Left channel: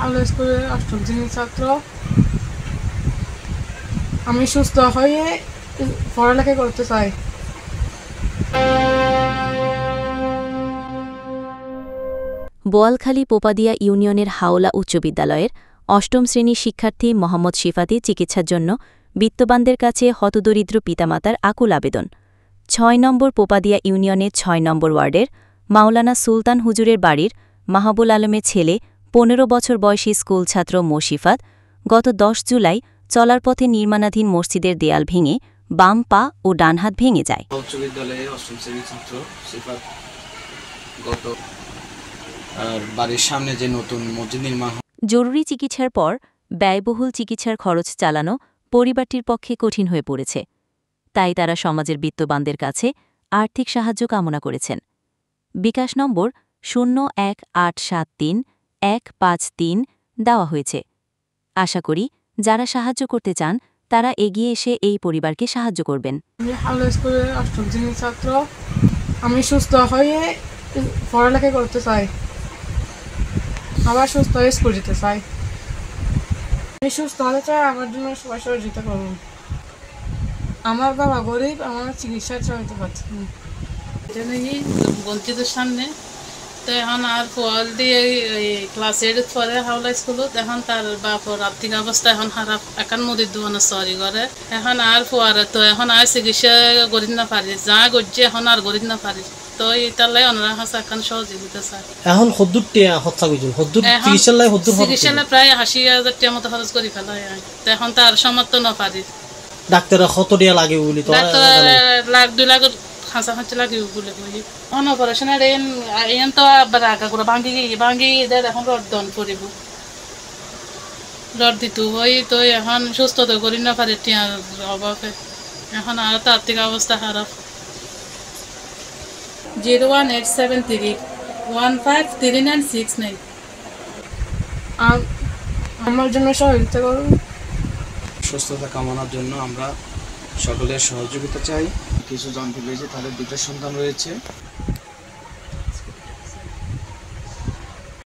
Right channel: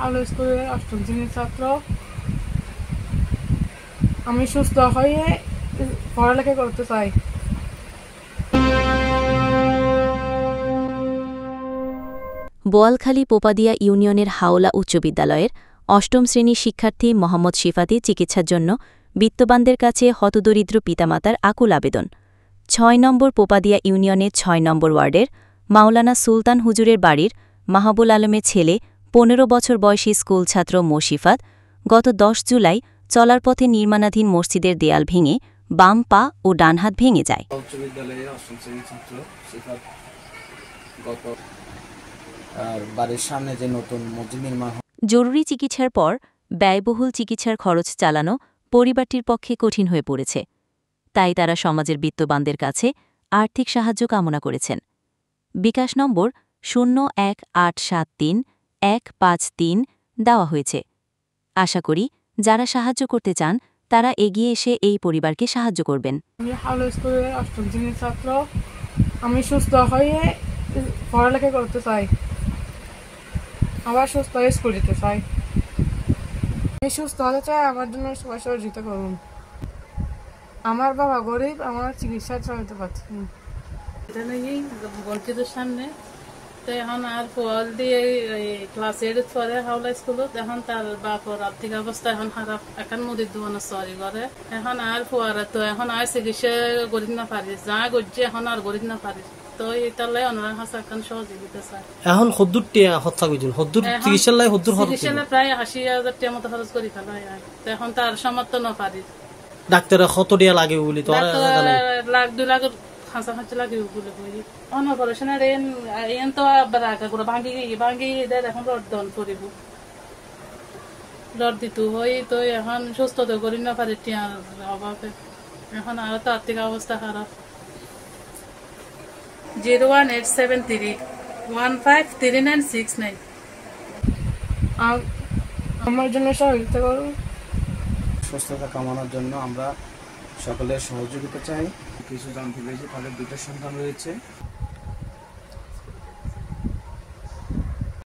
হাওড়া স্কুলের অষ্টম শ্রেণীর ছাত্র। আমি সুস্থ হয়ে পড়ালেখা করতে চাই। বোয়ালখালী পোপাদিয়া ইউনিয়নের হাওলা উচ্চ বিদ্যালয়ের অষ্টম শ্রেণীর শিক্ষার্থী মোহাম্মদ শিফাতি চিকিৎসার জন্য বিত্তবানদের কাছে হতদরিদ্র পিতামাতার আকুল আবেদন। ৬ নম্বর পোপাদিয়া ইউনিয়নের ৬ নম্বর ওয়ার্ডের মাওলানা সুলতান হুজুরের বাড়ির মাহবুল আলমের ছেলে ১৫ বছর বয়সী স্কুলছাত্র মোশিফাত গত ১০ জুলাই চলার পথে নির্মাণাধীন মসজিদের দেয়াল ভেঙে বাম পা ও ডান হাত ভেঙে যায়। উচ্চ বিদ্যালয়ে অষ্টম শ্রেণীর ছাত্র শিফাত গত বাড়ির সামনে যে নতুন মসজিদ নির্মাণ। জরুরি চিকিৎসার পর ব্যয়বহুল চিকিৎসার খরচ চালানো পরিবারটির পক্ষে কঠিন হয়ে পড়েছে। তাই তারা সমাজের বিত্তবানদের কাছে আর্থিক সাহায্য কামনা করেছেন। বিকাশ নম্বর ০১৮৭৩১৫৩ দেওয়া হয়েছে। আশা করি যারা সাহায্য করতে চান তারা এগিয়ে এসে এই পরিবারকে সাহায্য করবেন। আমি হাওড়া স্কুলের অষ্টম শ্রেণীর ছাত্র। আমি সুস্থ হয়ে পড়ালেখা করতে চাই, আবার সুস্থ হয়ে স্কুল যেতে চাই। আমি সুস্থ হতে চাই, আমার জন্য সবাই সহযোগিতা করুন। আমার বাবা গরিব, আমার চিকিৎসা চালাতে পারছি না। এটা নাকি বঞ্চিতের সামনে তো এখন আর ফল দিয়ে ক্লাস 8 পরে হাওলা স্কুলত এখন তার বাপর আর্থিক অবস্থা এখন খারাপ, এখন মুদির দোকানে চুরি করে। এখন আর পরে তো এখন আর চিকিৎসা করি না পারি, যা করছে এখন আর করি না পারি। তো এটালাই ওনারা কাছে এখন সহযোগিতা চাই। এখন হদ্দুর টিয়া হত্যা কইছিল হদ্দুর চিকিৎসালয় হদ্দুর চিকিৎসালয় প্রায় ৮০,০০০ টাকা মতো খরচ করে ফেলা হয়। তো এখন তার সমর্থ না পারি। ডাক্তার কত টিয়া লাগে বলি তো ডাক্তার লাখ ২ লাখ খাঁচা লাগিব বলে কই অপারেশনের এন তো আবার আঁকা করে ভাঙ্গি এদের এখন রড দন করিব, রড দিত হই তো এখন সুস্থ তো করি না পারে টিয়ার অভাবে। এখন আর তো আর্থিক অবস্থা খারাপ। 01873153969। আমার জন্য সহযোগিতা করুন। সুস্থতা কামনার জন্য আমরা সকলের সহযোগিতা চাই। কিছু জানতে পেরেছি তাদের 2টা সন্তান রয়েছে।